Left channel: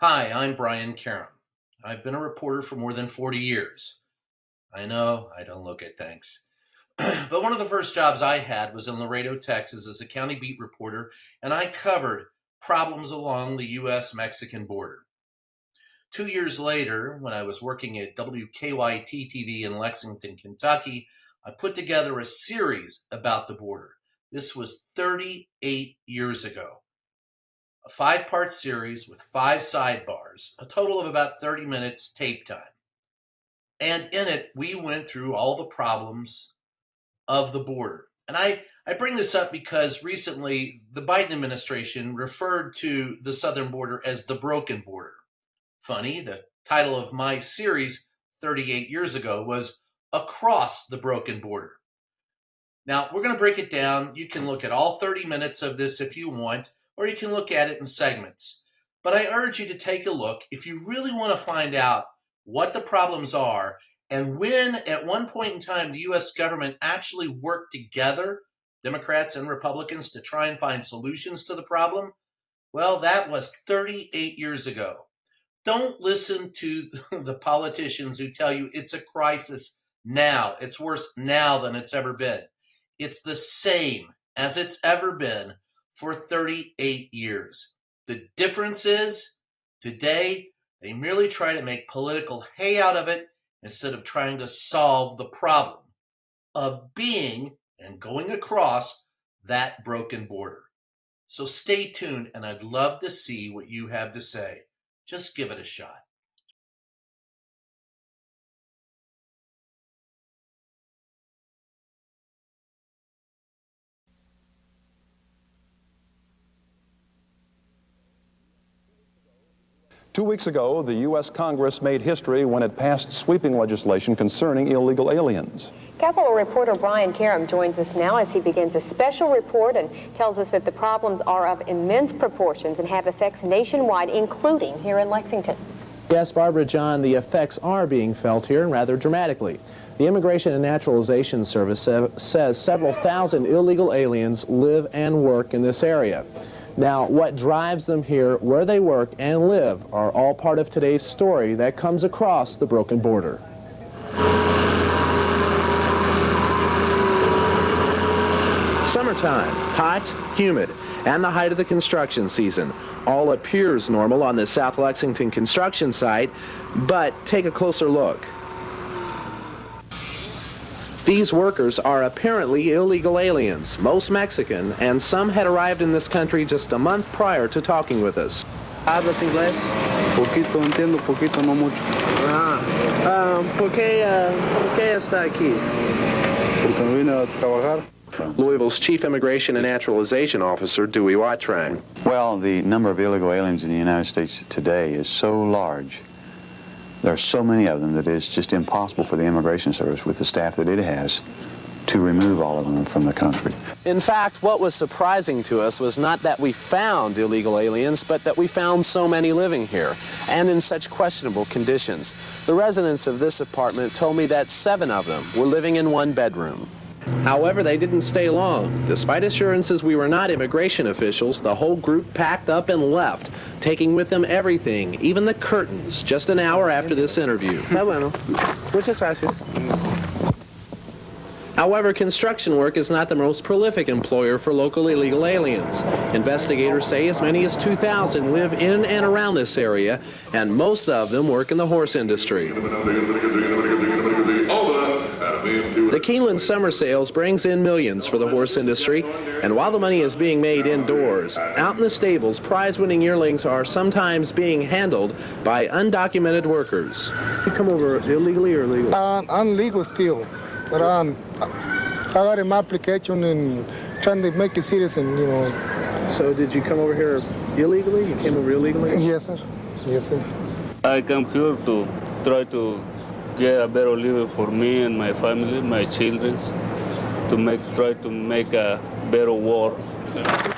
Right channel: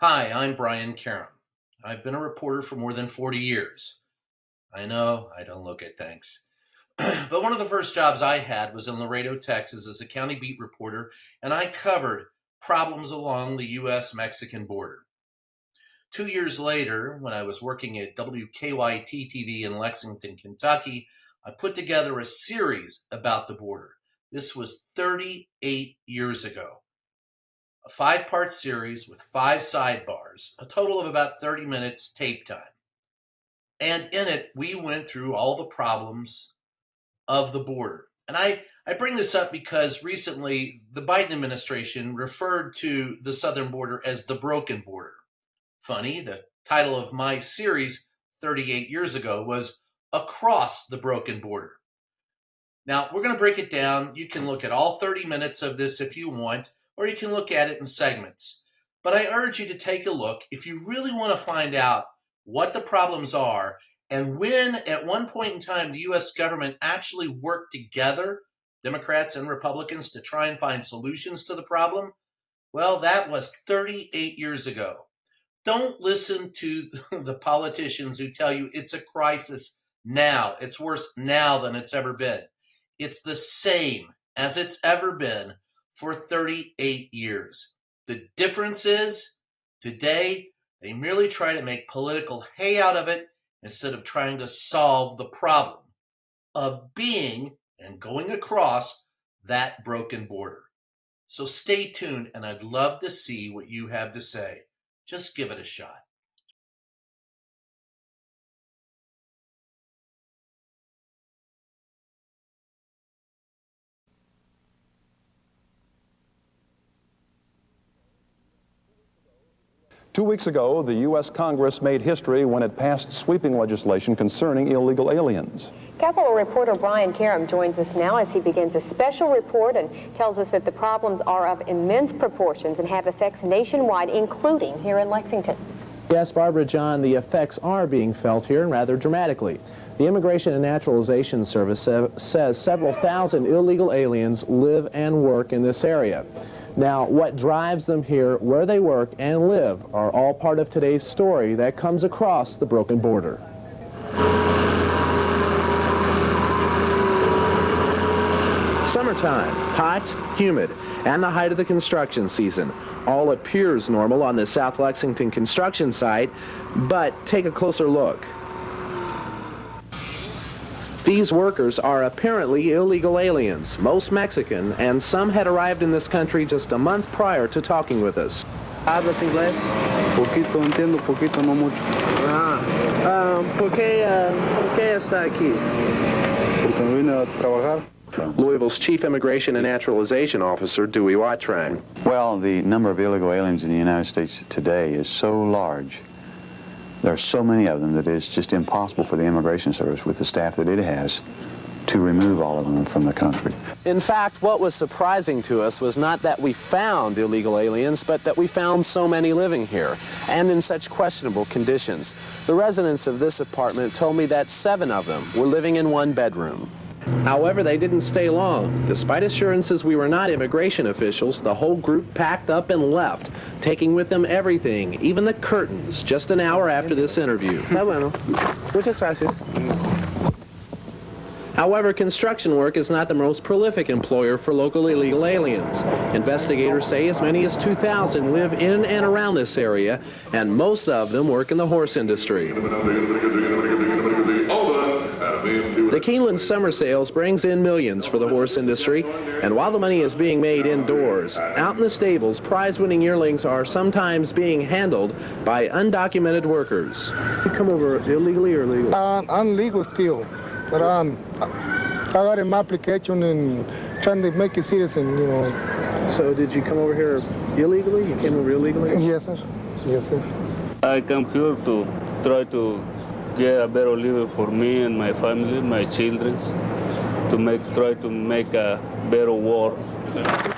Hi, I'm Brian Karem. I've been a reporter for more than 40 years. I know I don't look it, thanks. But one of the first jobs I had was in Laredo, Texas, as a county beat reporter, and I covered problems along the U.S. Mexican border. 2 years later, when I was working at WKYT TV in Lexington, Kentucky, I put together a series about the border. This was 38 years ago. A five-part series with five sidebars, a total of about 30 minutes tape time. And in it, we went through all the problems of the border. And I bring this up because recently the Biden administration referred to the southern border as the broken border. Funny, the title of my series 38 years ago was Across the Broken Border. Now, we're going to break it down. You can look at all 30 minutes of this if you want, or you can look at it in segments. But I urge you to take a look if you really want to find out what the problems are and when, at one point in time, the U.S. government actually worked together, Democrats and Republicans, to try and find solutions to the problem. Well, that was 38 years ago. Don't listen to the politicians who tell you it's a crisis now. It's worse now than it's ever been. It's the same as it's ever been for 38 years. The difference is, today, they merely try to make political hay out of it instead of trying to solve the problem of being and going across that broken border. So stay tuned, and I'd love to see what you have to say. Just give it a shot. 2 weeks ago, the U.S. Congress made history when it passed sweeping legislation concerning illegal aliens. Capitol reporter Brian Karem joins us now as he begins a special report and tells us that the problems are of immense proportions and have effects nationwide, including here in Lexington. Yes, Barbara John, the effects are being felt here rather dramatically. The Immigration and Naturalization Service says several thousand illegal aliens live and work in this area. Now, what drives them here, where they work and live, are all part of today's story that comes across the broken border. Summertime, hot, humid, and the height of the construction season. All appears normal on the South Lexington construction site, but take a closer look. These workers are apparently illegal aliens, most Mexican, and some had arrived in this country just a month prior to talking with us. ¿Hablas inglés? Poquito, entiendo, poquito, no mucho. ¿Por qué está aquí? Porque vine a trabajar. Louisville's Chief Immigration and Naturalization Officer, Dewey Wattrang. Well, the number of illegal aliens in the United States today is so large. There are so many of them that it's just impossible for the Immigration Service, with the staff that it has, to remove all of them from the country. In fact, what was surprising to us was not that we found illegal aliens, but that we found so many living here, and in such questionable conditions. The residents of this apartment told me that 7 of them were living in one bedroom. However, they didn't stay long. Despite assurances we were not immigration officials, the whole group packed up and left, taking with them everything, even the curtains, just an hour after this interview. Muchas gracias. However, construction work is not the most prolific employer for local illegal aliens. Investigators say as many as 2,000 live in and around this area, and most of them work in the horse industry. The Keeneland summer sales brings in millions for the horse industry, and while the money is being made indoors, out in the stables, prize-winning yearlings are sometimes being handled by undocumented workers. You come over illegally or legally? I'm legal still, but I had my application and trying to make a citizen, you know. So did you come over here illegally? You came over illegally? Yes, sir. Yes, sir. I come here to try to get a better living for me and my family, my children, to try to make a better world.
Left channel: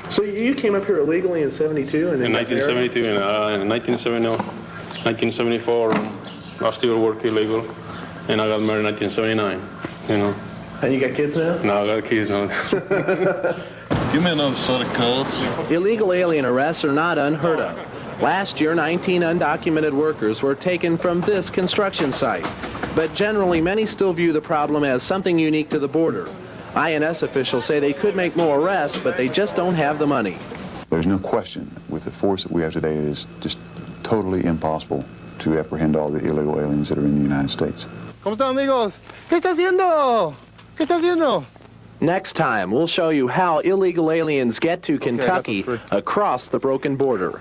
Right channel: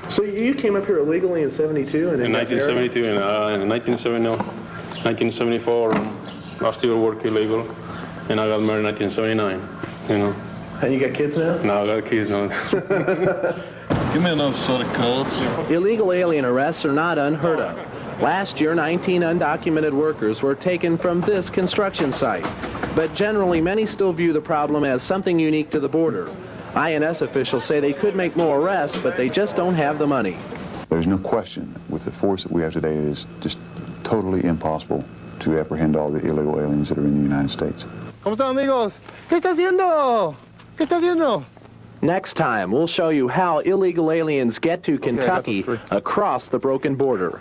So you came up here illegally in 72? And in 1972, in 1974, I still work illegal, and I got married in 1979, you know. And you got kids now? No, I got kids now. Give me another soda cold. Illegal alien arrests are not unheard of. Last year, 19 undocumented workers were taken from this construction site. But generally, many still view the problem as something unique to the border. INS officials say they could make more arrests, but they just don't have the money. There's no question with the force that we have today, it is just totally impossible to apprehend all the illegal aliens that are in the United States. ¿Cómo están, amigos? ¿Qué está haciendo? ¿Qué está haciendo? Next time, we'll show you how illegal aliens get to Kentucky across the broken border.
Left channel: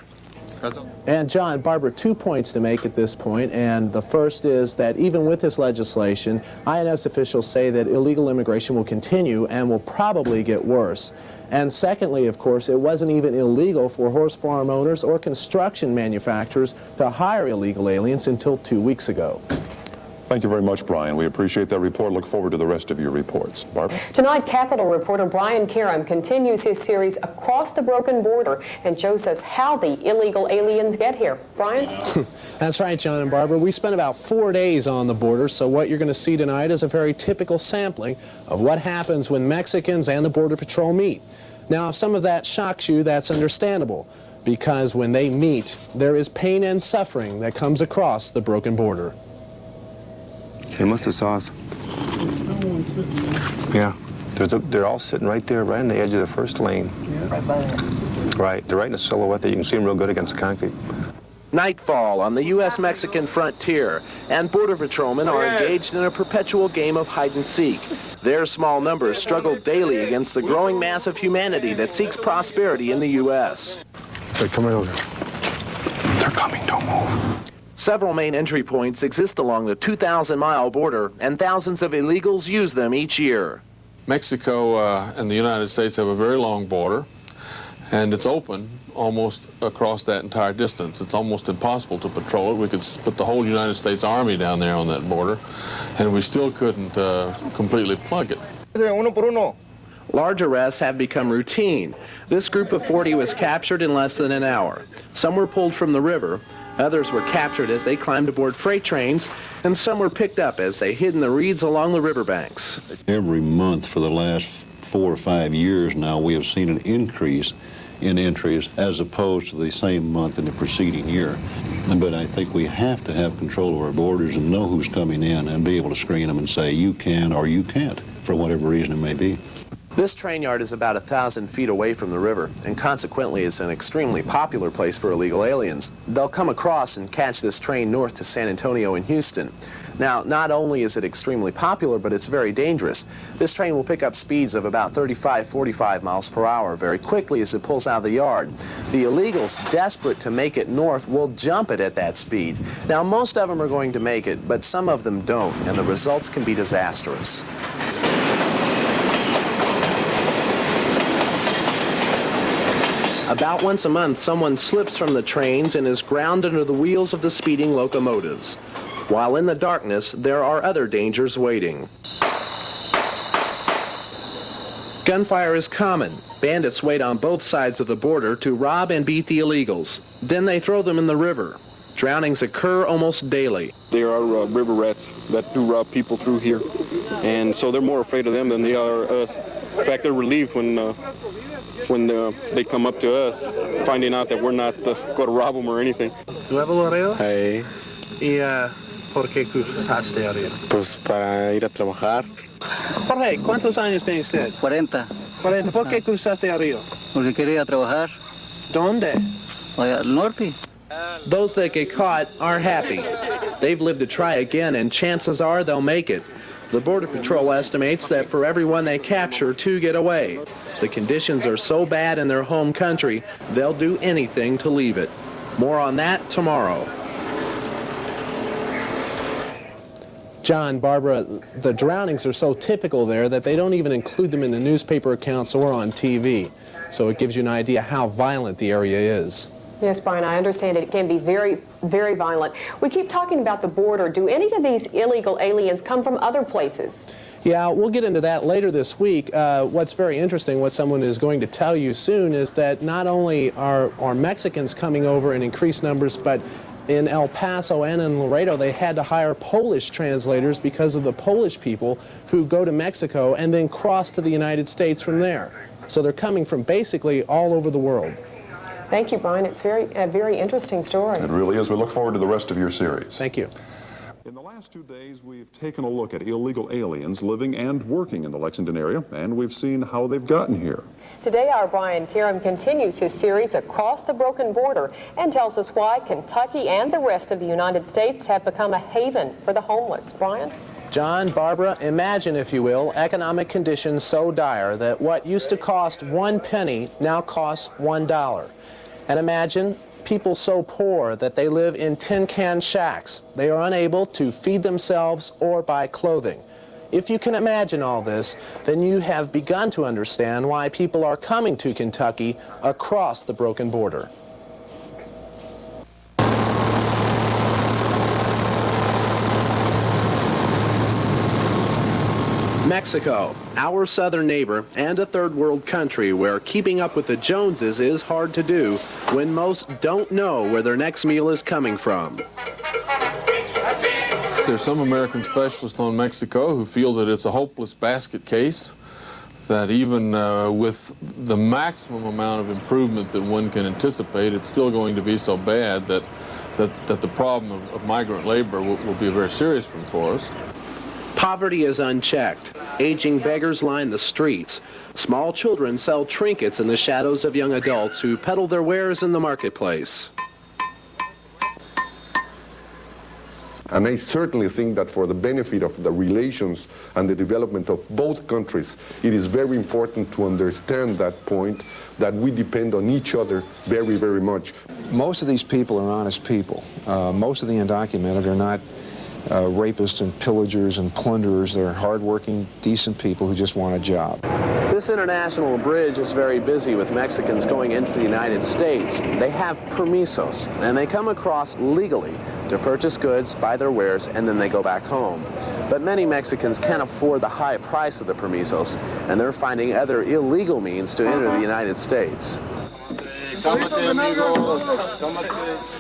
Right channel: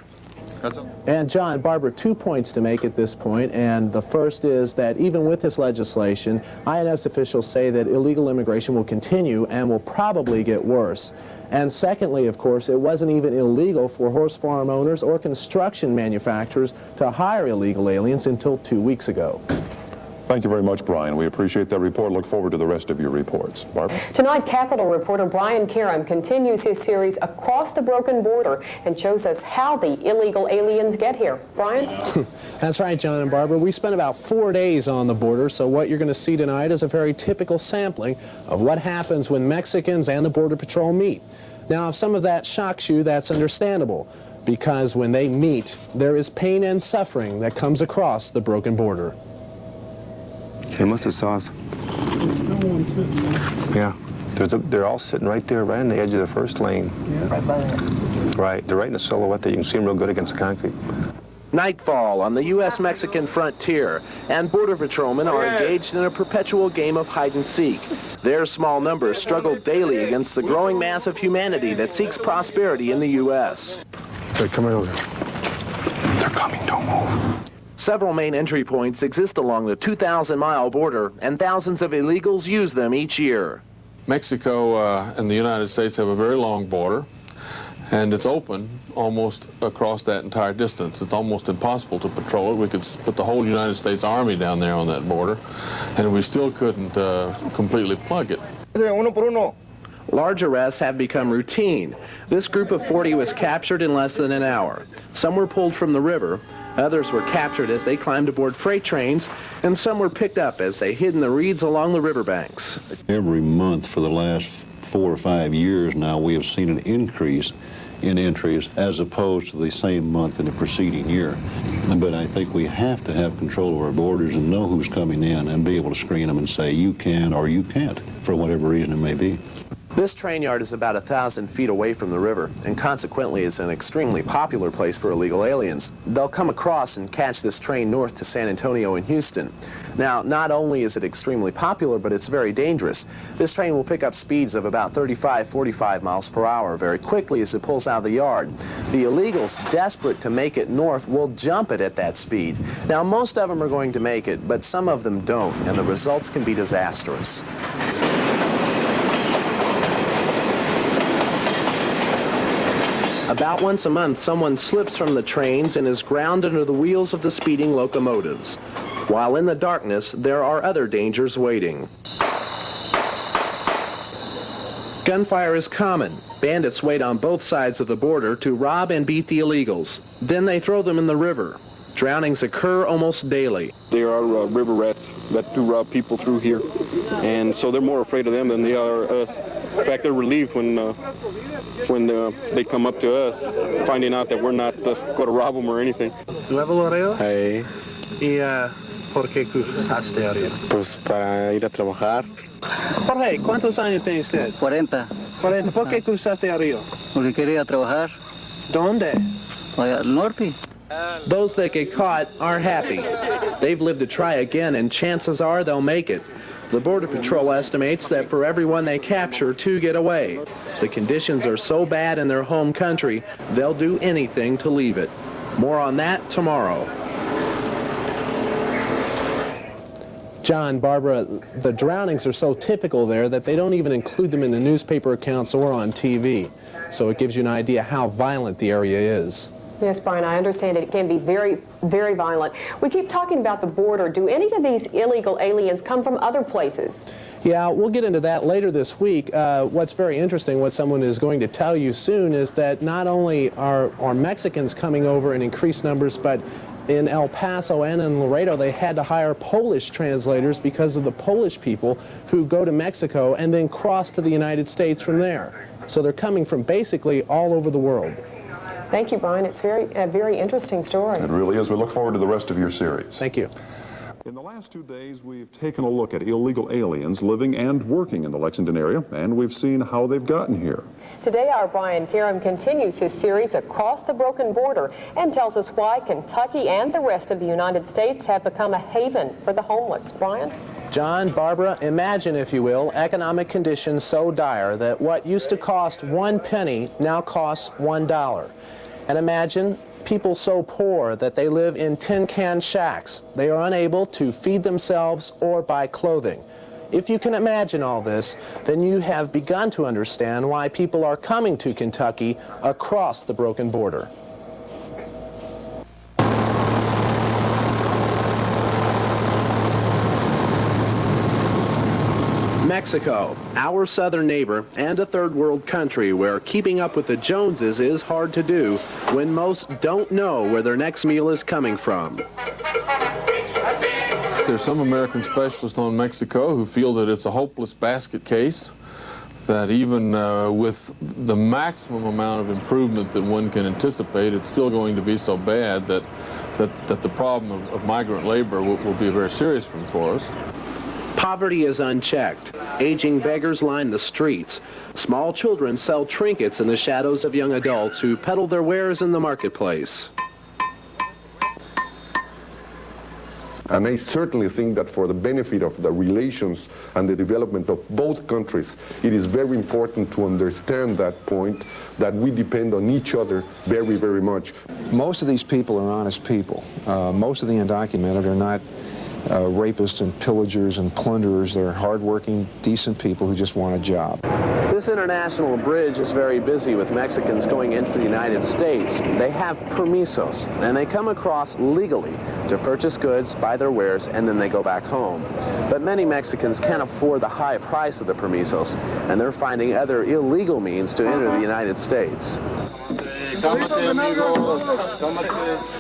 And John, Barbara, 2 points to make at this point, and the first is that even with this legislation, INS officials say that illegal immigration will continue and will probably get worse. And secondly, of course, it wasn't even illegal for horse farm owners or construction manufacturers to hire illegal aliens until 2 weeks ago. Thank you very much, Brian. We appreciate that report. Look forward to the rest of your reports. Barbara? Tonight, Capitol reporter Brian Karem continues his series Across the Broken Border and shows us how the illegal aliens get here. Brian? That's right, John and Barbara. We spent about 4 days on the border, so what you're going to see tonight is a very typical sampling of what happens when Mexicans and the Border Patrol meet. Now, if some of that shocks you, that's understandable, because when they meet, there is pain and suffering that comes across the broken border. Hey, mustard sauce. Yeah. They're all sitting right there, right on the edge of the first lane. Right. They're right in the silhouette that you can see them real good against the concrete. Nightfall on the U.S.-Mexican frontier, and Border Patrolmen are engaged in a perpetual game of hide-and-seek. Their small numbers struggle daily against the growing mass of humanity that seeks prosperity in the U.S. They're coming over. They're coming, don't move. Several main entry points exist along the 2,000-mile border, and thousands of illegals use them each year. Mexico and the United States have a very long border, and it's open almost across that entire distance. It's almost impossible to patrol it. We could put the whole United States Army down there on that border, and we still couldn't completely plug it. Large arrests have become routine. This group of 40 was captured in less than an hour. Some were pulled from the river. Others were captured as they climbed aboard freight trains, and some were picked up as they hid in the reeds along the riverbanks. Every month for the last 4 or 5 years now, we have seen an increase in entries as opposed to the same month in the preceding year. But I think we have to have control of our borders and know who's coming in and be able to screen them and say you can or you can't, for whatever reason it may be. This train yard is about 1,000 feet away from the river, and consequently is an extremely popular place for illegal aliens. They'll come across and catch this train north to San Antonio and Houston. Now, not only is it extremely popular, but it's very dangerous. This train will pick up speeds of about 35, 45 miles per hour very quickly as it pulls out of the yard. The illegals, desperate to make it north, will jump it at that speed. Now, most of them are going to make it, but some of them don't, and the results can be disastrous. About once a month, someone slips from the trains and is ground under the wheels of the speeding locomotives. While in the darkness, there are other dangers waiting. Gunfire is common. Bandits wait on both sides of the border to rob and beat the illegals. Then they throw them in the river. Drownings occur almost daily. There are river rats that do rob people through here, and so they're more afraid of them than they are us. In fact, they're relieved when they come up to us, finding out that we're not going to rob them or anything. Hey. ¿Y por qué cruzaste arriba? Pues para ir a trabajar. Jorge, ¿cuántos años tiene usted? 40. 40. ¿Por qué cruzaste arriba? Porque quería trabajar. ¿Dónde? Al norte. Those that get caught are happy. They've lived to try again, and chances are they'll make it. The Border Patrol estimates that for every one they capture, 2 get away. The conditions are so bad in their home country, they'll do anything to leave it. More on that tomorrow. John, Barbara, the drownings are so typical there that they don't even include them in the newspaper accounts or on TV. So it gives you an idea how violent the area is. Yes, Brian, I understand it can be very, very violent. We keep talking about the border. Do any of these illegal aliens come from other places? Yeah, we'll get into that later this week. What's very interesting, what someone is going to tell you soon, is that not only are Mexicans coming over in increased numbers, but in El Paso and in Laredo, they had to hire Polish translators because of the Polish people who go to Mexico and then cross to the United States from there. So they're coming from basically all over the world. Thank you, Brian. It's a very interesting story. It really is. We look forward to the rest of your series. Thank you. In the last 2 days, we've taken a look at illegal aliens living and working in the Lexington area, and we've seen how they've gotten here. Today, our Brian Karem continues his series Across the Broken Border and tells us why Kentucky and the rest of the United States have become a haven for the homeless. Brian? John, Barbara, imagine, if you will, economic conditions so dire that what used to cost 1 penny now costs $1. And imagine people so poor that they live in tin-can shacks. They are unable to feed themselves or buy clothing. If you can imagine all this, then you have begun to understand why people are coming to Kentucky across the broken border. Mexico, our southern neighbor and a third world country where keeping up with the Joneses is hard to do when most don't know where their next meal is coming from. There's some American specialists on Mexico who feel that it's a hopeless basket case, that even with the maximum amount of improvement that one can anticipate, it's still going to be so bad that the problem of migrant labor will be a very serious one for us. Poverty is unchecked. Aging beggars line the streets. Small children sell trinkets in the shadows of young adults who peddle their wares in the marketplace. And I certainly think that for the benefit of the relations and the development of both countries, it is very important to understand that point, that we depend on each other very, very much. Most of these people are honest people. Most of the undocumented are not rapists and pillagers and plunderers. They're hardworking, decent people who just want a job. This international bridge is very busy with Mexicans going into the United States. They have permisos, and they come across legally to purchase goods, buy their wares, and then they go back home. But many Mexicans can't afford the high price of the permisos, and they're finding other illegal means to enter the United States.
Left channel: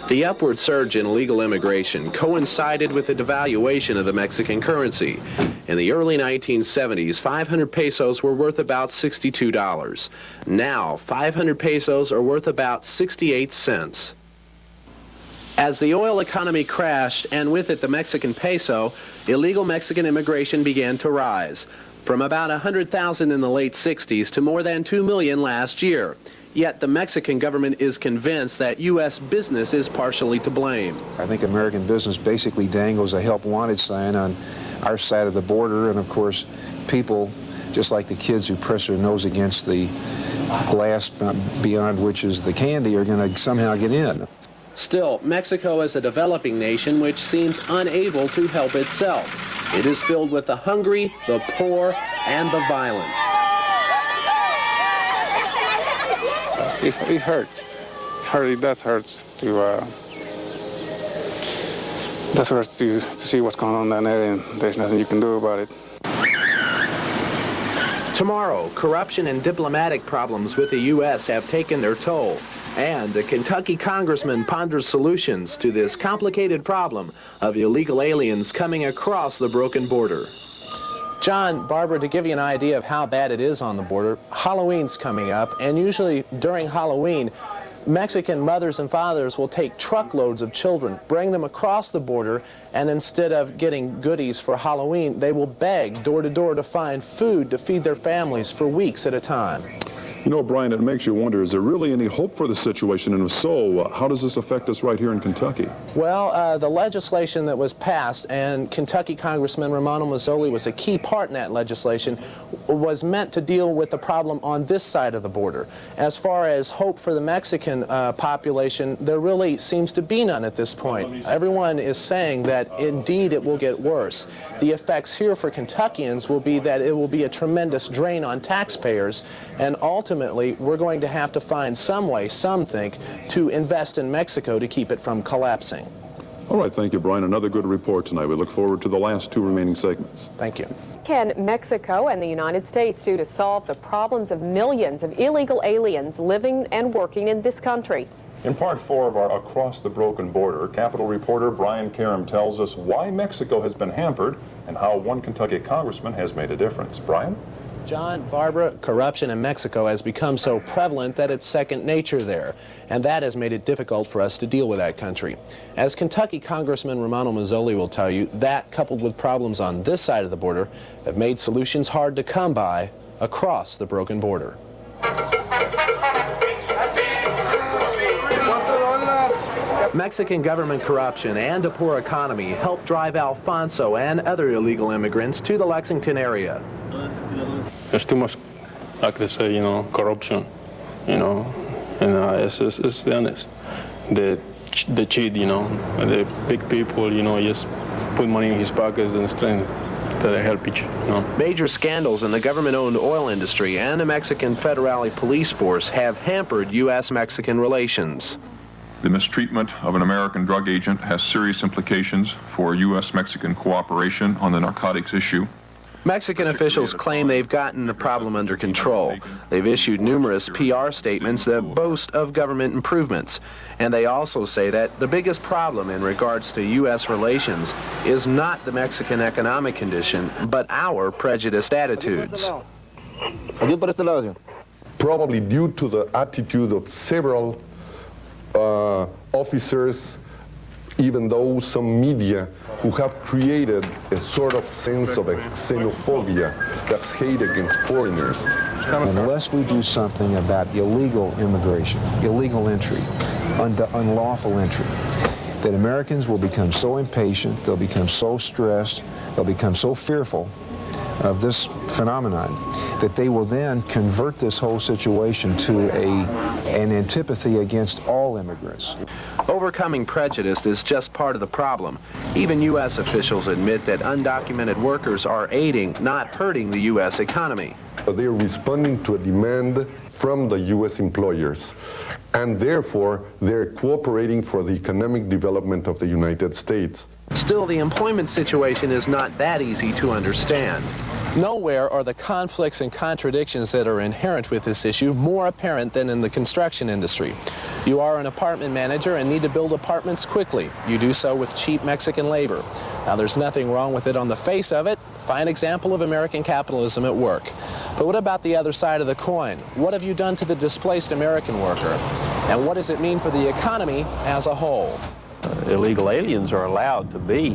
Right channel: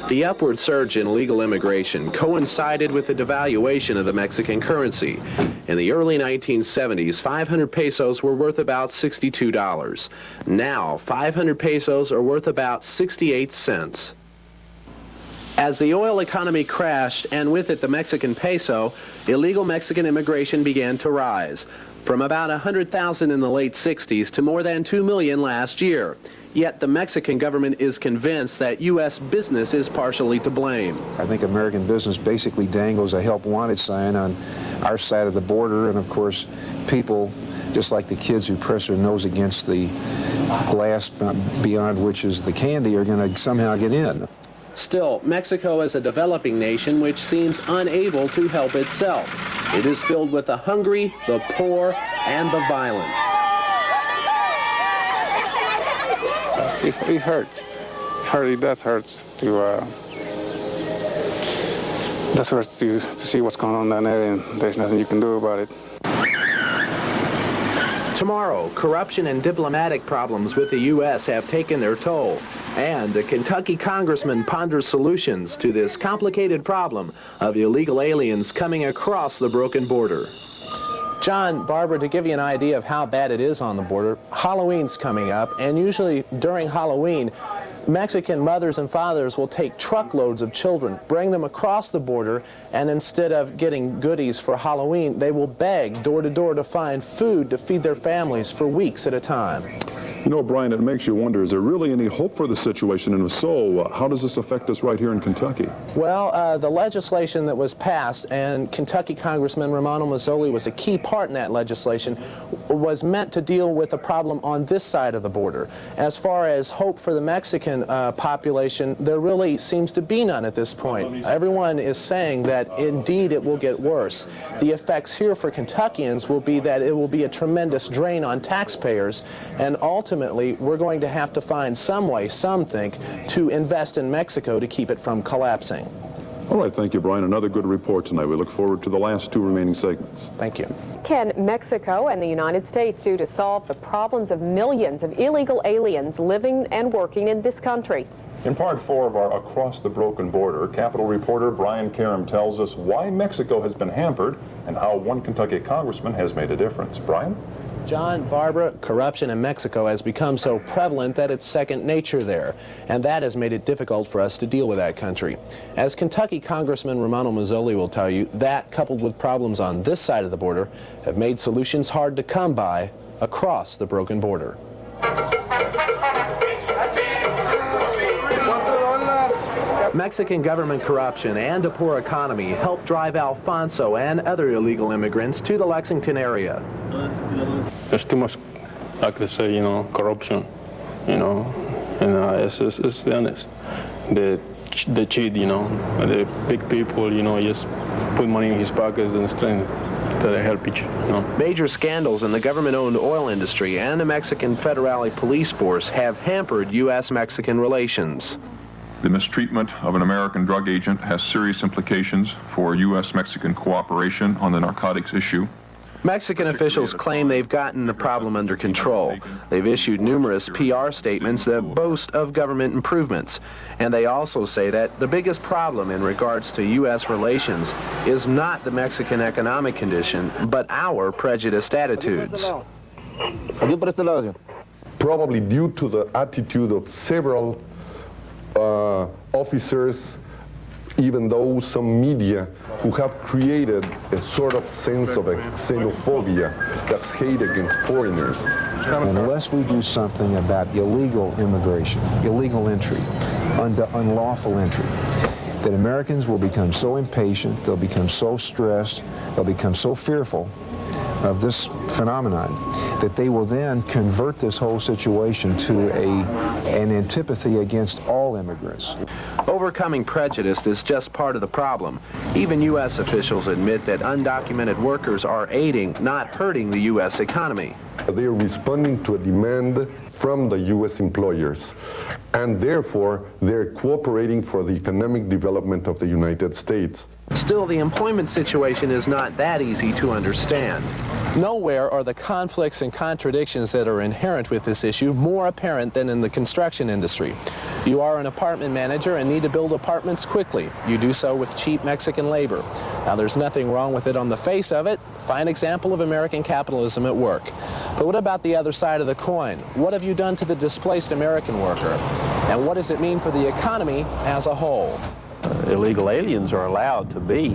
The upward surge in illegal immigration coincided with the devaluation of the Mexican currency. In the early 1970s, 500 pesos were worth about $62. Now, 500 pesos are worth about 68 cents. As the oil economy crashed, and with it the Mexican peso, illegal Mexican immigration began to rise, from about 100,000 in the late 60s to more than 2 million last year. Yet the Mexican government is convinced that U.S. business is partially to blame. I think American business basically dangles a help wanted sign on our side of the border. And of course, people, just like the kids who press their nose against the glass beyond which is the candy, are going to somehow get in. Still, Mexico is a developing nation which seems unable to help itself. It is filled with the hungry, the poor, and the violent. It hurts. It does hurt to see what's going on down there, and there's nothing you can do about it. Tomorrow, corruption and diplomatic problems with the U.S. have taken their toll, and a Kentucky congressman ponders solutions to this complicated problem of illegal aliens coming across the broken border. John, Barbara, to give you an idea of how bad it is on the border, Halloween's coming up, and usually during Halloween, Mexican mothers and fathers will take truckloads of children, bring them across the border, and instead of getting goodies for Halloween, they will beg door to door to find food to feed their families for weeks at a time. You know, Brian, it makes you wonder, is there really any hope for the situation? And if so, how does this affect us right here in Kentucky? Well, the legislation that was passed, and Kentucky Congressman Romano Mazzoli was a key part in that legislation, was meant to deal with the problem on this side of the border. As far as hope for the Mexican population, there really seems to be none at this point. Everyone is saying that indeed it will get worse. The effects here for Kentuckians will be that it will be a tremendous drain on taxpayers, and ultimately we're going to have to find some way, some think, to invest in Mexico to keep it from collapsing. All right, thank you, Brian. Another good report tonight. We look forward to the last 2 remaining segments. Thank you. Can Mexico and the United States do to solve the problems of millions of illegal aliens living and working in this country? In part 4 of our Across the Broken Border, Capitol reporter Brian Karem tells us why Mexico has been hampered and how one Kentucky congressman has made a difference. Brian? John, Barbara, corruption in Mexico has become so prevalent that it's second nature there, and that has made it difficult for us to deal with that country. As Kentucky Congressman Romano Mazzoli will tell you, that, coupled with problems on this side of the border, have made solutions hard to come by across the broken border. Mexican government corruption and a poor economy helped drive Alfonso and other illegal immigrants to the Lexington area. There's too much, like they say, corruption, and it's honest. The cheat, the big people, just put money in his pockets instead of help each other. Major scandals in the government-owned oil industry and the Mexican Federale police force have hampered U.S.-Mexican relations. The mistreatment of an American drug agent has serious implications for U.S.-Mexican cooperation on the narcotics issue. Mexican officials claim they've gotten the problem under control. They've issued numerous PR statements that boast of government improvements. And they also say that the biggest problem in regards to U.S. relations is not the Mexican economic condition, but our prejudiced attitudes. Probably due to the attitude of several officers, even though some media, who have created a sort of sense of xenophobia, that's hate against foreigners. Unless we do something about illegal immigration, illegal entry, unlawful entry, then Americans will become so impatient, they'll become so stressed, they'll become so fearful of this phenomenon that they will then convert this whole situation to an antipathy against all immigrants. Overcoming prejudice is just part of the problem. Even U.S. officials admit that undocumented workers are aiding, not hurting the U.S. economy. They are responding to a demand from the U.S. employers, and therefore they're cooperating for the economic development of the United States. Still, the employment situation is not that easy to understand. Nowhere are the conflicts and contradictions that are inherent with this issue more apparent than in the construction industry. You are an apartment manager and need to build apartments quickly. You do so with cheap Mexican labor. Now, there's nothing wrong with it on the face of it. Fine example of American capitalism at work. But what about the other side of the coin? What have you done to the displaced American worker? And what does it mean for the economy as a whole? Illegal aliens are allowed to be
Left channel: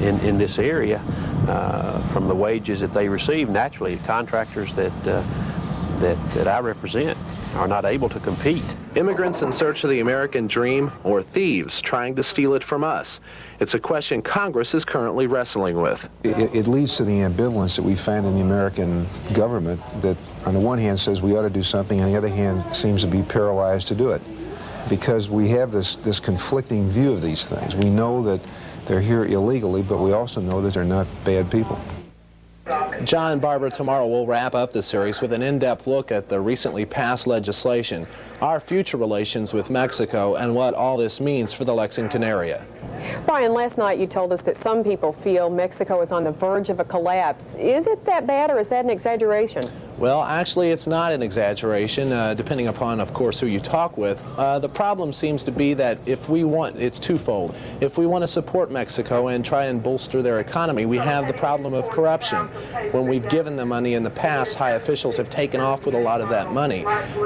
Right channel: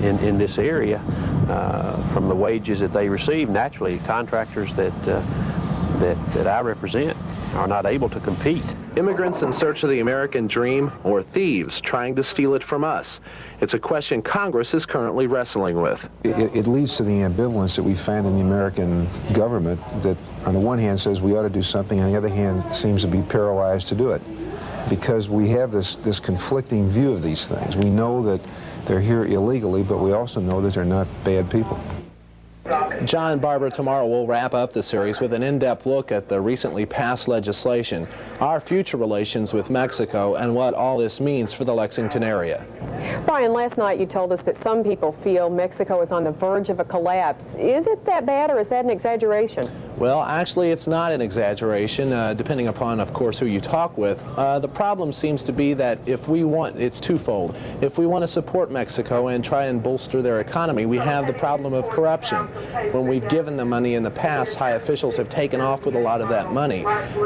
in this area from the wages that they receive. Naturally, contractors that I represent are not able to compete. Immigrants in search of the American dream, or thieves trying to steal it from us? It's a question Congress is currently wrestling with. It leads to the ambivalence that we find in the American government that on the one hand says we ought to do something, on the other hand seems to be paralyzed to do it. Because we have this conflicting view of these things. We know that they're here illegally, but we also know that they're not bad people. John, Barbara, tomorrow we'll wrap up the series with an in-depth look at the recently passed legislation, our future relations with Mexico, and what all this means for the Lexington area. Brian, last night you told us that some people feel Mexico is on the verge of a collapse. Is it that bad, or is that an exaggeration? Well, actually, it's not an exaggeration, depending upon, of course, who you talk with. The problem seems to be that it's twofold. If we want to support Mexico and try and bolster their economy, we have the problem of corruption. When we've given them money in the past, high officials have taken off with a lot of that money.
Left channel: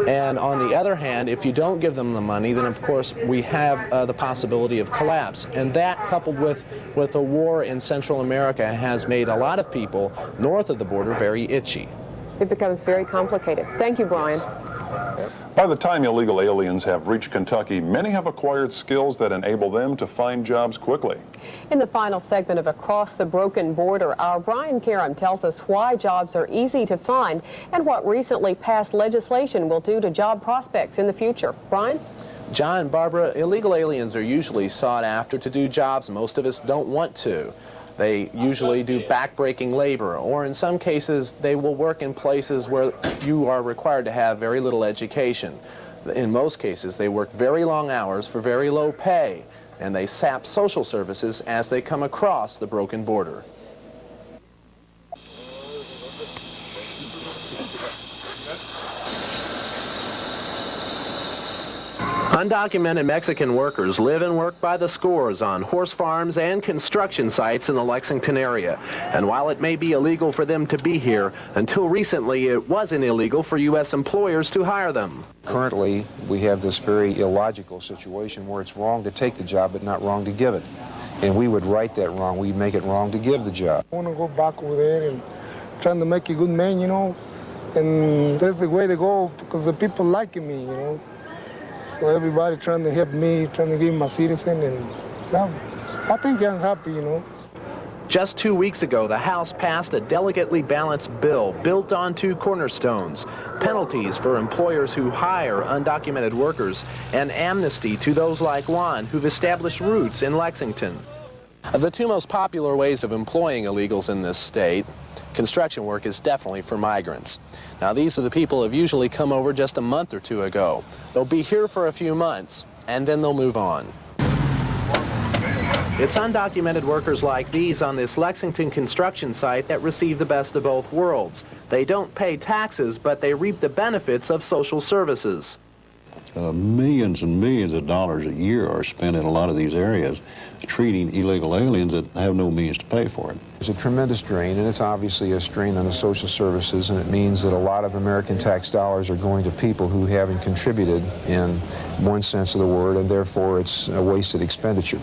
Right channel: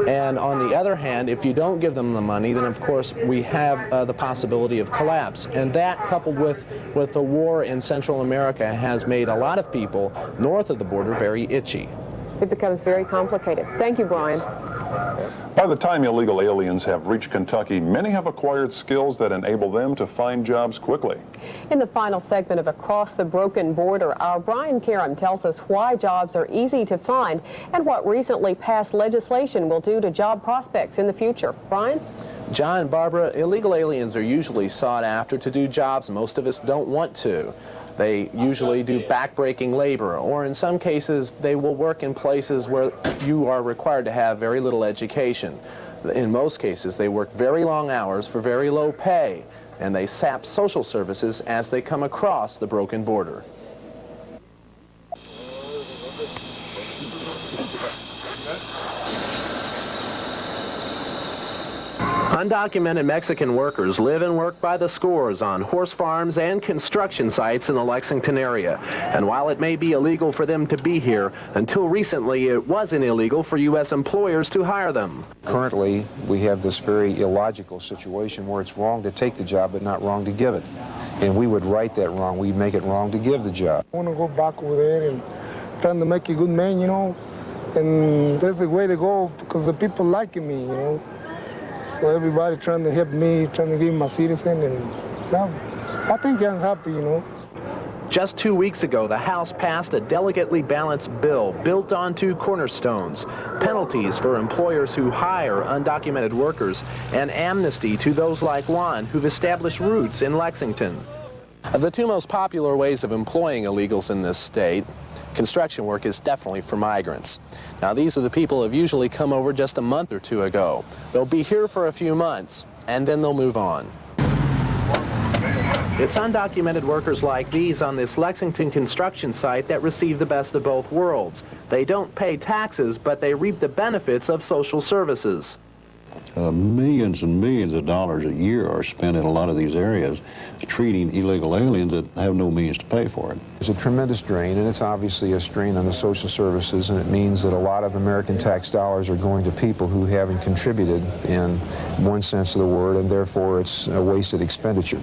And on the other hand, if you don't give them the money, then of course we have the possibility of collapse. And that, coupled with the war in Central America, has made a lot of people north of the border very itchy. It becomes very complicated. Thank you, Brian. By the time illegal aliens have reached Kentucky, many have acquired skills that enable them to find jobs quickly. In the final segment of Across the Broken Border, our Brian Karem tells us why jobs are easy to find and what recently passed legislation will do to job prospects in the future. Brian? John, Barbara, illegal aliens are usually sought after to do jobs most of us don't want to. They usually do backbreaking labor, or in some cases, they will work in places where you are required to have very little education. In most cases, they work very long hours for very low pay, and they sap social services as they come across the broken border. Undocumented Mexican workers live and work by the scores on horse farms and construction sites in the Lexington area. And while it may be illegal for them to be here, until recently it wasn't illegal for U.S. employers to hire them. Currently, we have this very illogical situation where it's wrong to take the job but not wrong to give it. And we would right that wrong. We'd make it wrong to give the job. I want to go back over there and trying to make a good man, you know. And that's the way to go because the people liking me, you know. So everybody trying to help me, trying to give me my citizen, and now I think I'm happy, you know. Just 2 weeks ago, the House passed a delicately balanced bill built on two cornerstones: penalties for employers who hire undocumented workers and amnesty to those like Juan who've established roots in Lexington. Of the two most popular ways of employing illegals in this state, construction work is definitely for migrants. Now, these are the people who have usually come over just a month or two ago. They'll be here for a few months, and then they'll move on. It's undocumented workers like these on this Lexington construction site that receive the best of both worlds. They don't pay taxes, but they reap the benefits of social services. Millions and millions of dollars a year are spent in a lot of these areas treating illegal aliens that have no means to pay for it. It's a tremendous drain, and it's obviously a strain on the social services, and it means that a lot of American tax dollars are going to people who haven't contributed in one sense of the word, and therefore it's a wasted expenditure.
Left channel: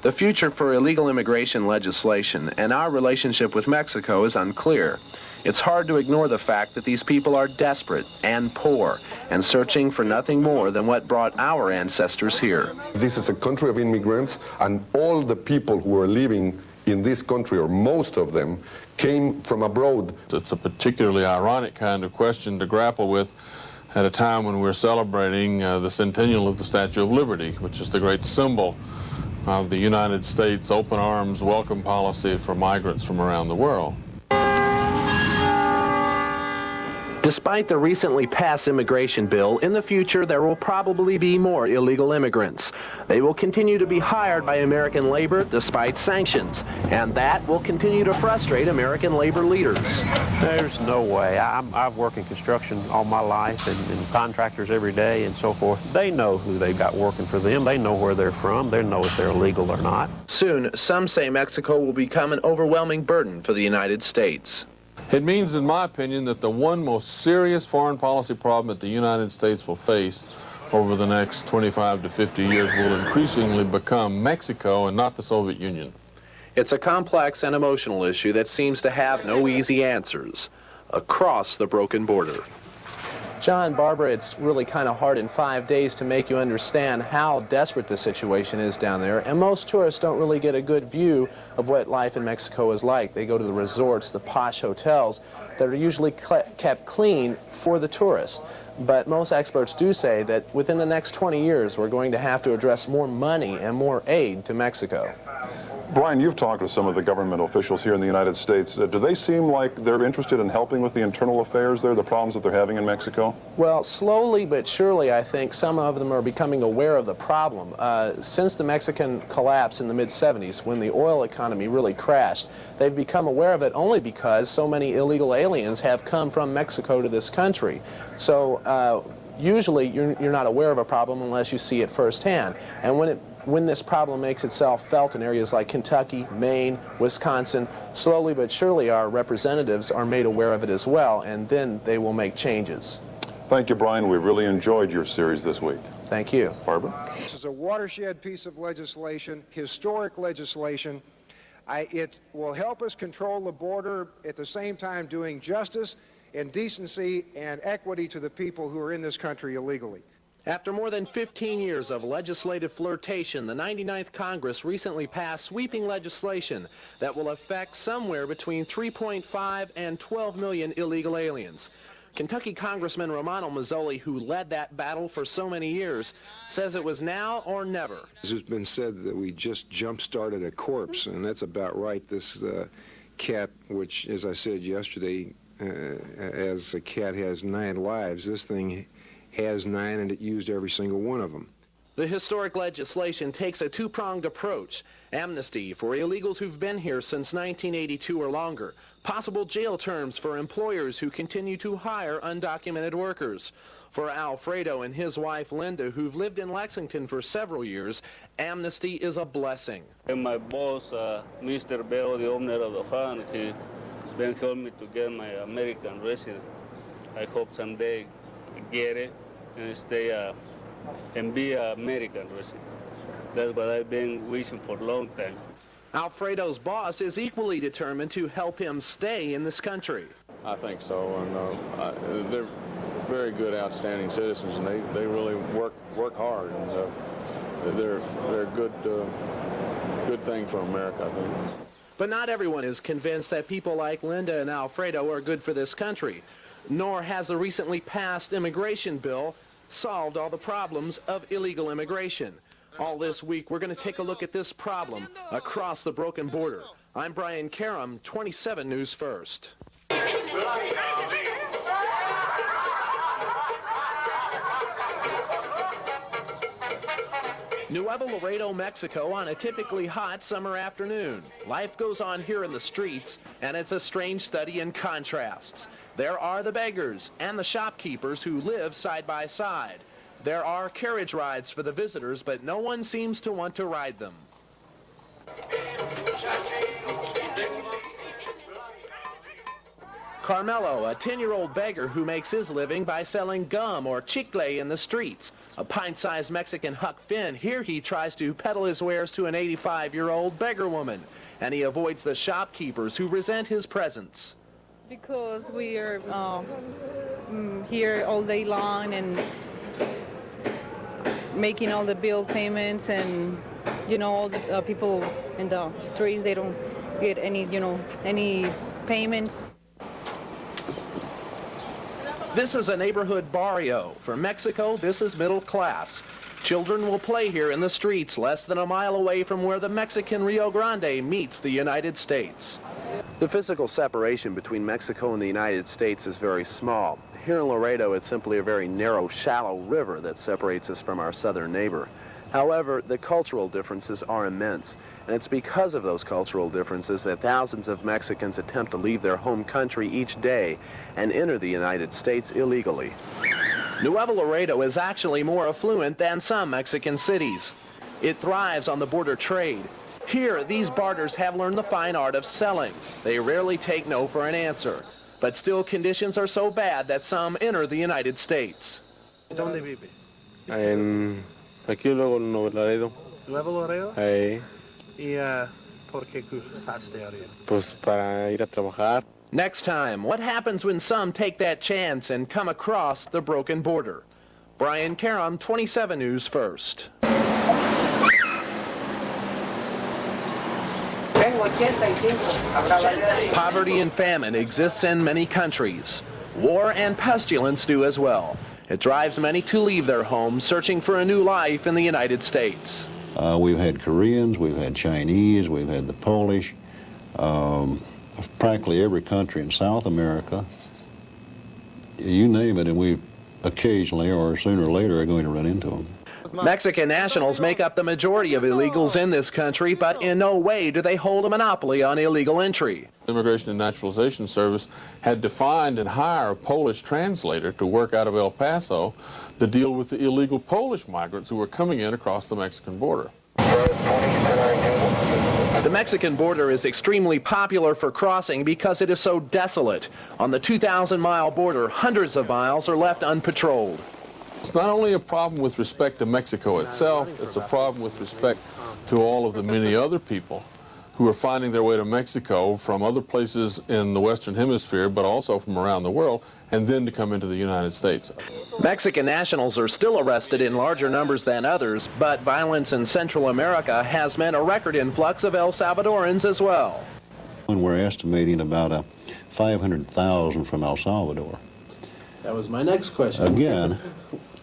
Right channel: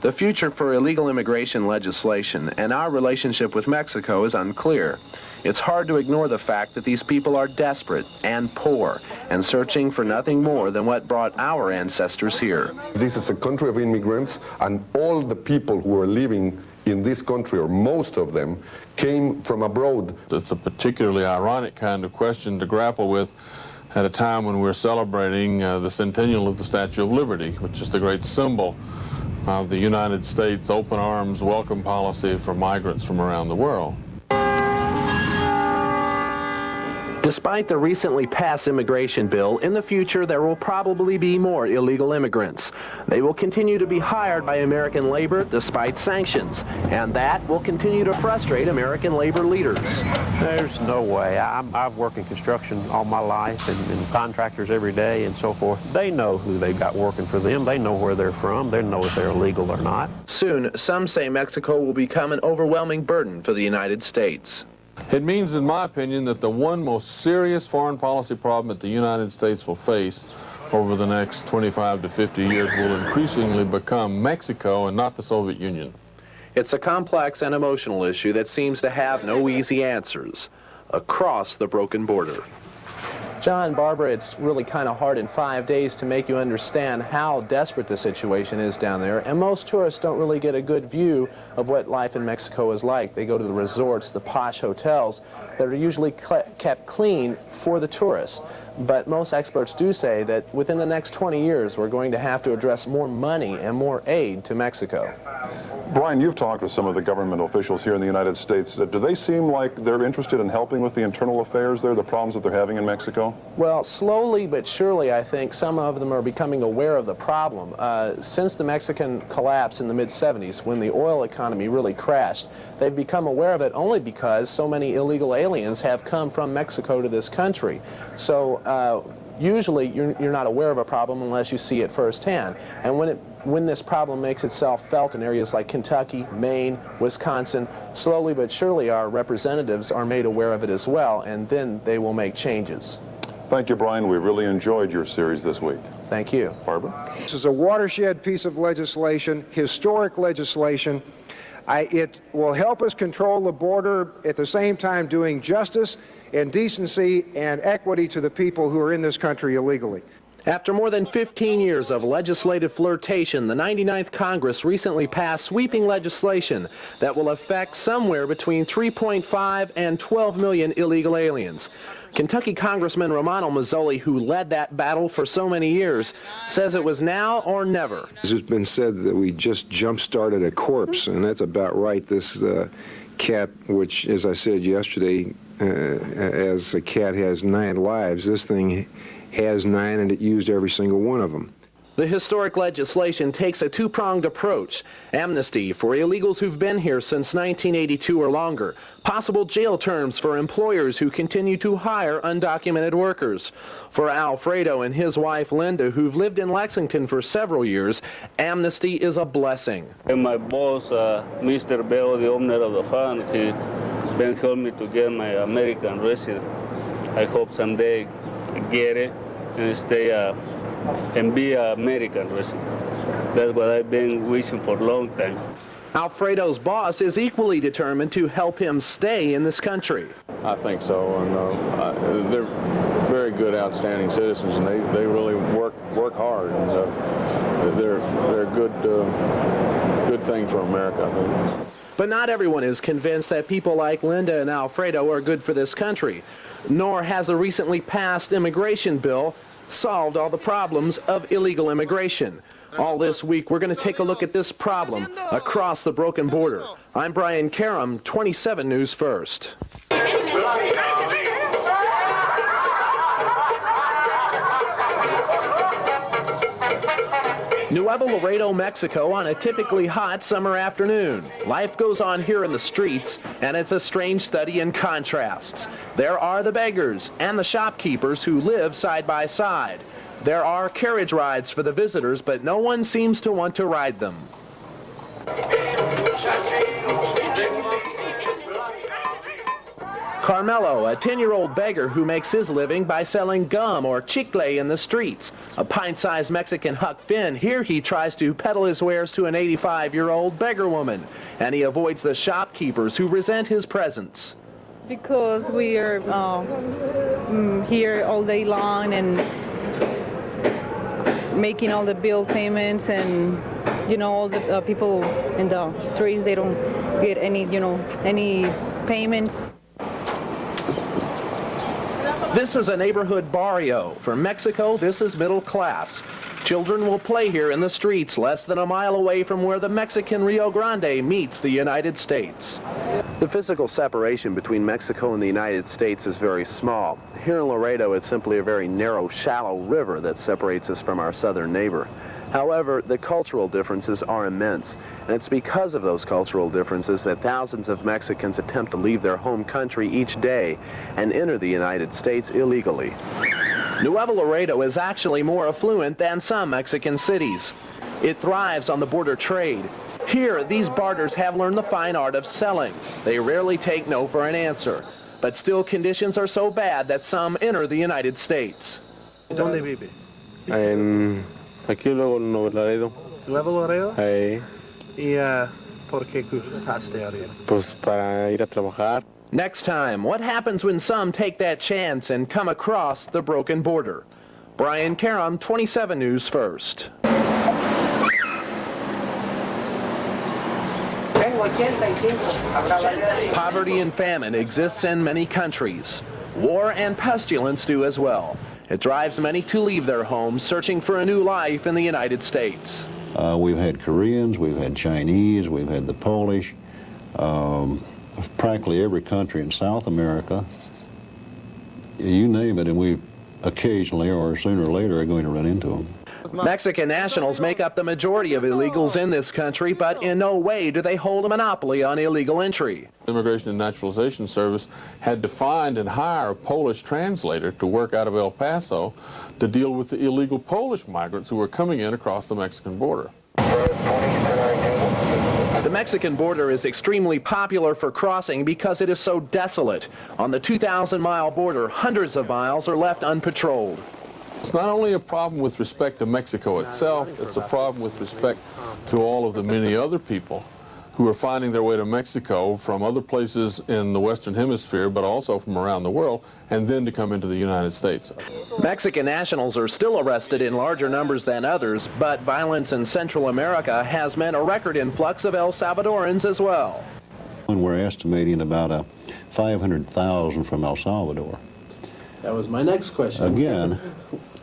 The future for illegal immigration legislation and our relationship with Mexico is unclear. It's hard to ignore the fact that these people are desperate and poor and searching for nothing more than what brought our ancestors here. This is a country of immigrants, and all the people who are living in this country, or most of them, came from abroad. It's a particularly ironic kind of question to grapple with at a time when we're celebrating the centennial of the Statue of Liberty, which is the great symbol of the United States open arms welcome policy for migrants from around the world. Despite the recently passed immigration bill, in the future there will probably be more illegal immigrants. They will continue to be hired by American labor despite sanctions, and that will continue to frustrate American labor leaders. There's no way. I've worked in construction all my life and contractors every day and so forth. They know who they got working for them. They know where they're from. They know if they're legal or not. Soon, some say Mexico will become an overwhelming burden for the United States. It means, in my opinion, that the one most serious foreign policy problem that the United States will face over the next 25 to 50 years will increasingly become Mexico and not the Soviet Union. It's a complex and emotional issue that seems to have no easy answers across the broken border. John, Barbara, it's really kind of hard in 5 days to make you understand how desperate the situation is down there, and most tourists don't really get a good view of what life in Mexico is like. They go to the resorts, the posh hotels that are usually kept clean for the tourists. But most experts do say that within the next 20 years, we're going to have to address more money and more aid to Mexico. Brian, you've talked with some of the government officials here in the United States. Do they seem like they're interested in helping with the internal affairs there, the problems that they're having in Mexico? Well, slowly but surely, I think some of them are becoming aware of the problem. Since the Mexican collapse in the mid-'70s, when the oil economy really crashed, they've become aware of it only because so many illegal aliens have come from Mexico to this country. So usually you're not aware of a problem unless you see it firsthand. And when this problem makes itself felt in areas like Kentucky, Maine, Wisconsin, slowly but surely our representatives are made aware of it as well, and then they will make changes. Thank you, Brian. We really enjoyed your series this week. Thank you. Barbara? This is a watershed piece of legislation, historic legislation. It will help us control the border, at the same time doing justice and decency and equity to the people who are in this country illegally. After more than 15 years of legislative flirtation, the 99th Congress recently passed sweeping legislation that will affect somewhere between 3.5 and 12 million illegal aliens. Kentucky Congressman Romano Mazzoli, who led that battle for so many years, says it was now or never. It's been said that we just jump-started a corpse, and that's about right. This cat, which, as I said yesterday, as a cat has 9 lives, this thing has 9, and it used every single one of them. The historic legislation takes a two-pronged approach. Amnesty for illegals who've been here since 1982 or longer. Possible jail terms for employers who continue to hire undocumented workers. For Alfredo and his wife Linda, who've lived in Lexington for several years, amnesty is a blessing. And my boss, Mr. Bell, the owner of the farm, he been helping me to get my American resident. I hope someday I get it and stay and be an American resident. That's what I've been wishing for a long time. Alfredo's boss is equally determined to help him stay in this country. I think so, and they're very good, outstanding citizens, and they really work hard, and they're a good thing for America, I think. But not everyone is convinced that people like Linda and Alfredo are good for this country, nor has a recently passed immigration bill solved all the problems of illegal immigration. All this week, we're going to take a look at this problem across the broken border. I'm Brian Karem, 27 News First. Nuevo Laredo, Mexico, on a typically hot summer afternoon. Life goes on here in the streets, and it's a strange study in contrasts. There are the beggars and the shopkeepers who live side by side. There are carriage rides for the visitors, but no one seems to want to ride them. Carmelo, a 10-year-old beggar who makes his living by selling gum or chicle in the streets. A pint-sized Mexican Huck Finn, here he tries to peddle his wares to an 85-year-old beggar woman, and he avoids the shopkeepers who resent his presence. Because we are here all day long and making all the bill payments, and all the people in the streets, they don't get any any payments. This is a neighborhood barrio. For Mexico, this is middle class. Children will play here in the streets less than a mile away from where the Mexican Rio Grande meets the United States. The physical separation between Mexico and the United States is very small. Here in Laredo, it's simply a very narrow, shallow river that separates us from our southern neighbor. However, the cultural differences are immense, and it's because of those cultural differences that thousands of Mexicans attempt to leave their home country each day and enter the United States illegally. Nuevo Laredo is actually more affluent than some Mexican cities. It thrives on the border trade. Here, these barters have learned the fine art of selling. They rarely take no for an answer, but still conditions are so bad that some enter the United States. ¿Dónde vive? Aquí luego en Nuevo Laredo. ¿Nuevo Laredo? ¿Y por qué cruzaste a ver? Pues para ir a trabajar. Next time, what happens when some take that chance and come across the broken border? Brian Karem, 27 News First. Poverty and famine exists in many countries. War and pestilence do as well. It drives many to leave their homes, searching for a new life in the United States. We've had Koreans, we've had Chinese, we've had the Polish, practically every country in South America. You name it, and we occasionally or sooner or later are going to run into them. Mexican nationals make up the majority of illegals in this country, but in no way do they hold a monopoly on illegal entry. The Immigration and Naturalization Service had to find and hire a Polish translator to work out of El Paso to deal with the illegal Polish migrants who were coming in across the Mexican border. The Mexican border is extremely popular for crossing because it is so desolate. On the 2,000-mile border, hundreds of miles are left unpatrolled. It's not only a problem with respect to Mexico itself, it's a problem with respect to all of the many other people who are finding their way to Mexico from other places in the Western Hemisphere, but also from around the world, and then to come into the United States. Mexican nationals are still arrested in larger numbers than others, but violence in Central America has meant a record influx of El Salvadorans as well. And we're estimating about 500,000 from El Salvador. That was my next question. Again,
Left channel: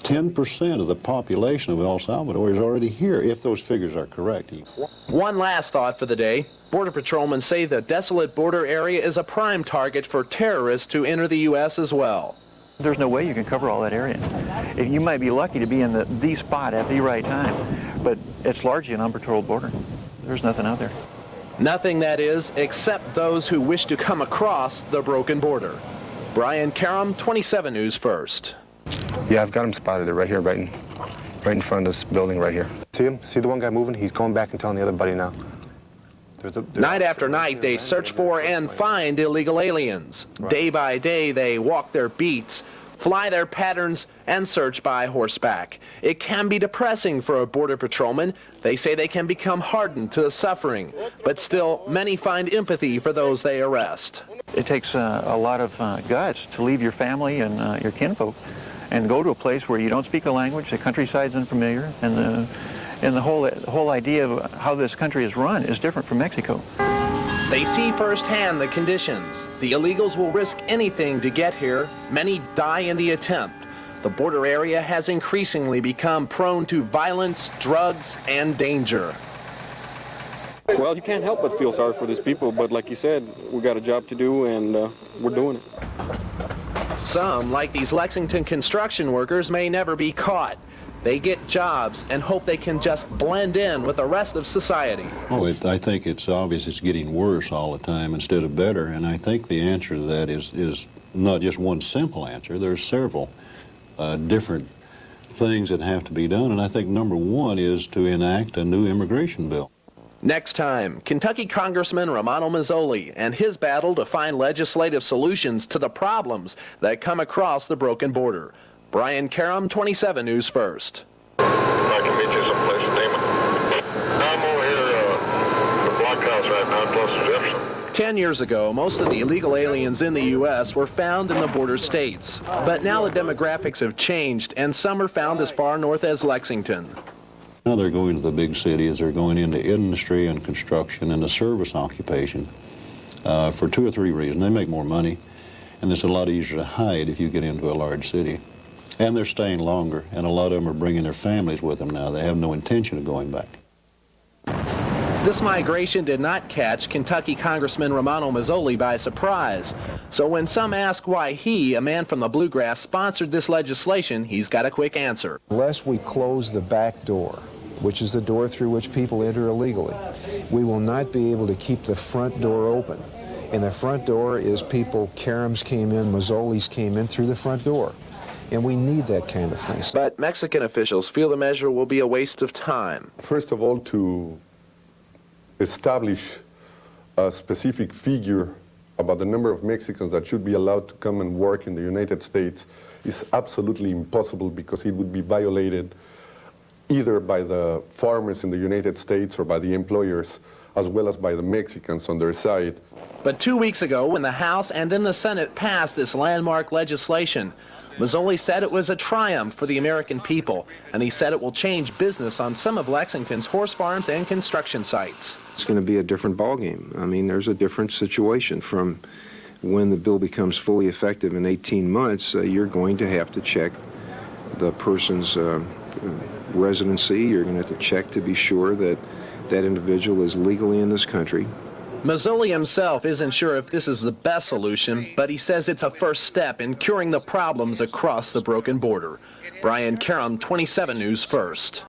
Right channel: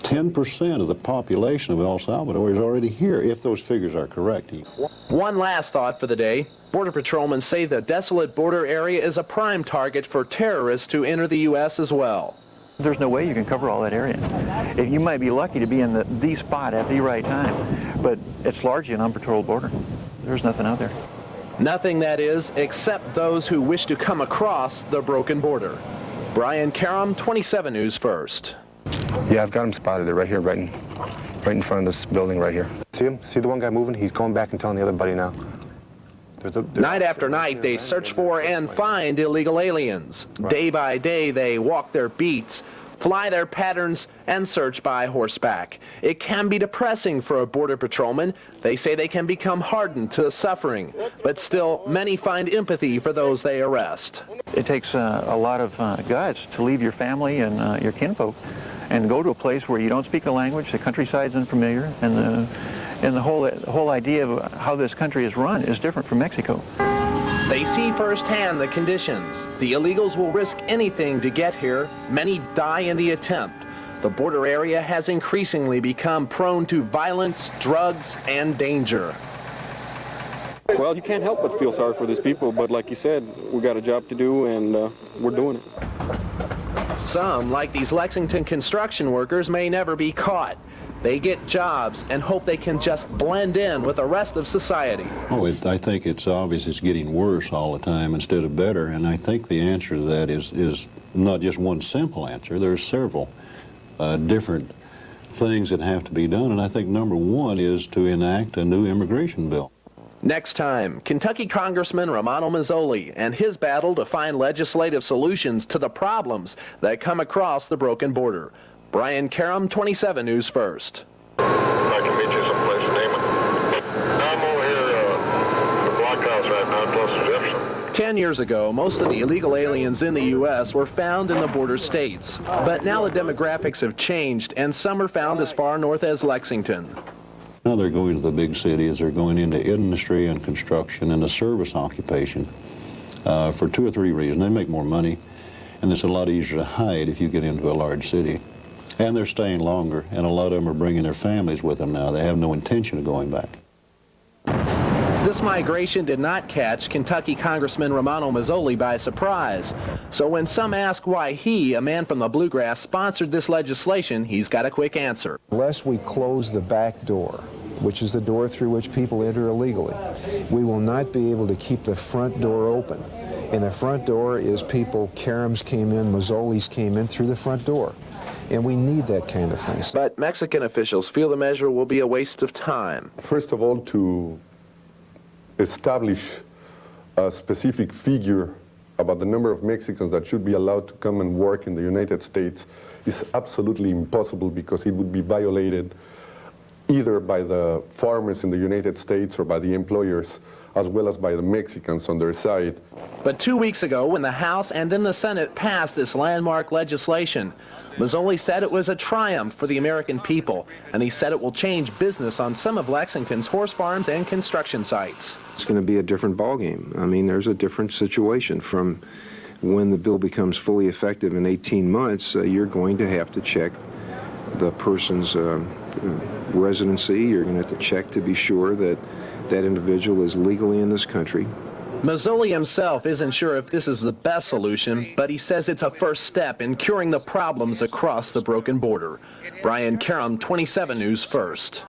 10% of the population of El Salvador is already here, if those figures are correct. One last thought for the day. Border patrolmen say the desolate border area is a prime target for terrorists to enter the U.S. as well. There's no way you can cover all that area. You might be lucky to be in the spot at the right time, but it's largely an unpatrolled border. There's nothing out there. Nothing, that is, except those who wish to come across the broken border. Brian Karem, 27 News First. Yeah, I've got him spotted right here, right in front of this building right here. See him? See the one guy moving? He's going back and telling the other buddy now. Night after night, they search for and find illegal aliens. Day by day, they walk their beats, fly their patterns, and search by horseback. It can be depressing for a border patrolman. They say they can become hardened to the suffering, but still, many find empathy for those they arrest. It takes a lot of guts to leave your family and your kinfolk and go to a place where you don't speak the language, the countryside's unfamiliar, and the whole idea of how this country is run is different from Mexico. They see firsthand the conditions. The illegals will risk anything to get here. Many die in the attempt. The border area has increasingly become prone to violence, drugs, and danger. Well, you can't help but feel sorry for these people, but like you said, we got a job to do, and we're doing it. Some, like these Lexington construction workers, may never be caught. They get jobs and hope they can just blend in with the rest of society. Oh, I think it's obvious it's getting worse all the time instead of better, and I think the answer to that is not just one simple answer. There's several different things that have to be done, and I think number one is to enact a new immigration bill. Next time, Kentucky Congressman Romano Mazzoli and his battle to find legislative solutions to the problems that come across the broken border. Brian Karem, 27 News First. 10 years ago, most of the illegal aliens in the U.S. were found in the border states. But now the demographics have changed, and some are found as far north as Lexington. Now they're going to the big cities, they're going into industry and construction and a service occupation for 2 or 3 reasons. They make more money, and it's a lot easier to hide if you get into a large city. And they're staying longer, and a lot of them are bringing their families with them now. They have no intention of going back. This migration did not catch Kentucky Congressman Romano Mazzoli by surprise. So when some ask why he, a man from the bluegrass, sponsored this legislation, he's got a quick answer. Unless we close the back door, which is the door through which people enter illegally, we will not be able to keep the front door open. And the front door is people, Karems came in, Mazzolis came in through the front door. And we need that kind of thing. But Mexican officials feel the measure will be a waste of time. First of all, to establish a specific figure about the number of Mexicans that should be allowed to come and work in the United States is absolutely impossible, because it would be violated either by the farmers in the United States or by the employers, as well as by the Mexicans on their side. But 2 weeks ago, when the House and then the Senate passed this landmark legislation, Mazzoli said it was a triumph for the American people, and he said it will change business on some of Lexington's horse farms and construction sites. It's going to be a different ballgame. I mean, there's a different situation from when the bill becomes fully effective in 18 months. You're going to have to check the person's residency. You're going to have to check to be sure that that individual is legally in this country. Mazzoli himself isn't sure if this is the best solution, but he says it's a first step in curing the problems across the broken border. Brian Karem, 27 News First.